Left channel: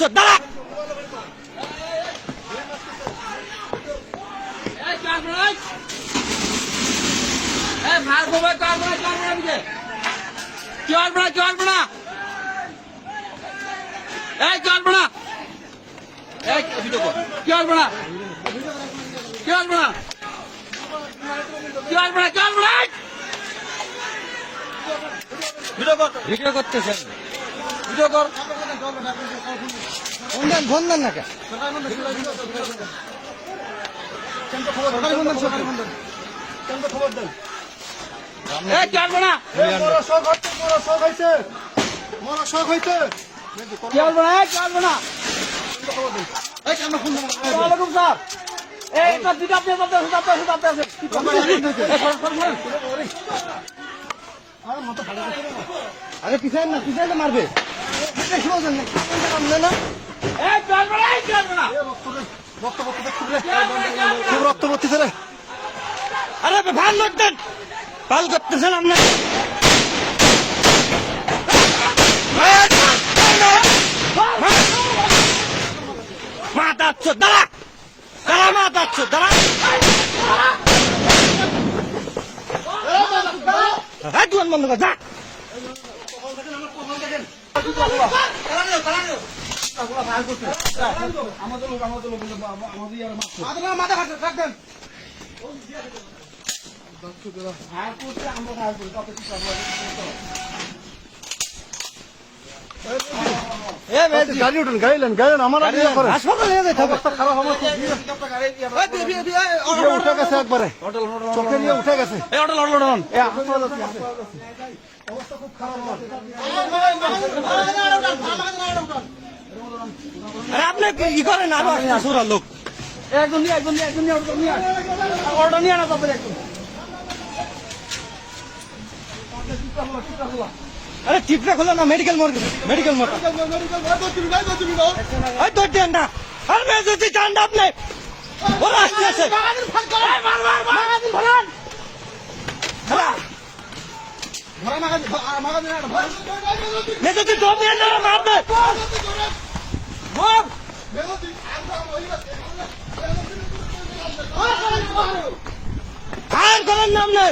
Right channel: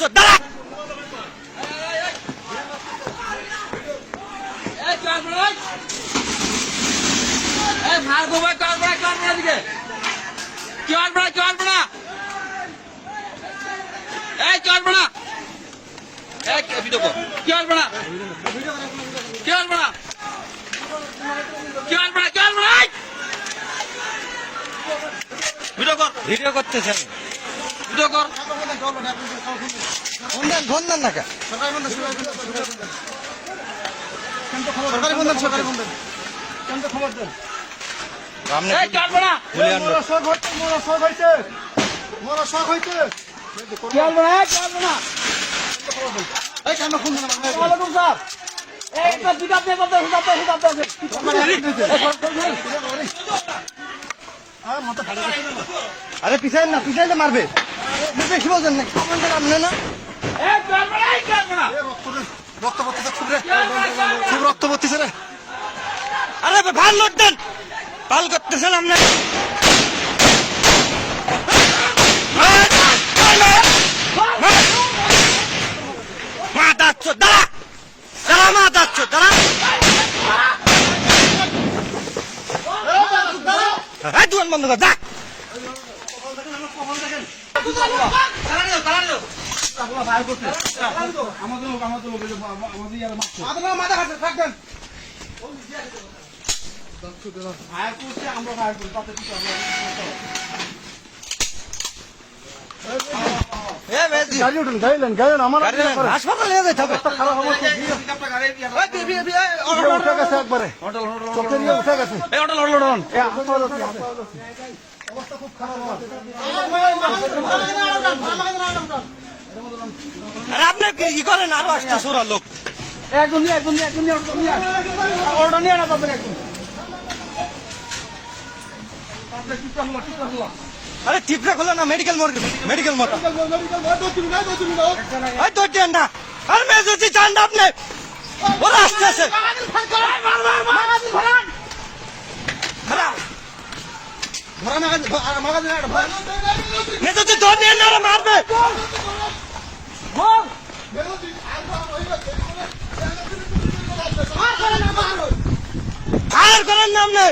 চোদ দাঁড়া। ভিডিও করতেছেন, ভিডিও কর। ফোন দেন না কে? সরকারি বন্ধন, সরকারি বন্ধন। খবর দেন। আরে পিছাই না, পিছাই না মারবে। খুব রক্ত পড়তেছে রে। আরে ভাল লোক দেন, পাল করতেছেন আপনি। মাথা চোদ দাঁড়া, দাঁড়া মাথা চোদ দাঁড়া। হ্যাঁ দোকান বন্ধ কর, যা। মাথা খাচ্ছে, থাকবেন। গাড়ি আমার হাসপাতালে নিয়ে যেতে হবে। উঠে গেছে একবারে, চোখে নিয়ে উঠে গেছে। অবস্থা খুব খারাপ। আরে আপনি কি করেন? আরো আসছে সোরা লোক। একদম নিয়ে, একদম নিয়ে, একদম নিয়ে, একদম নিয়ে। ওটা নিয়ে না পাবেন একদম। আরে টিপটা খোলো না, মেডিকেল মর্গে, মেডিকেল মর্গে। ওই তো দেন না। আর মেয়ে যদি চান না আপনি, ওরা আসতেছে। মেয়ে যদি দৌড় নিয়ে না মারবে। ফায়ার করেন না আপনি।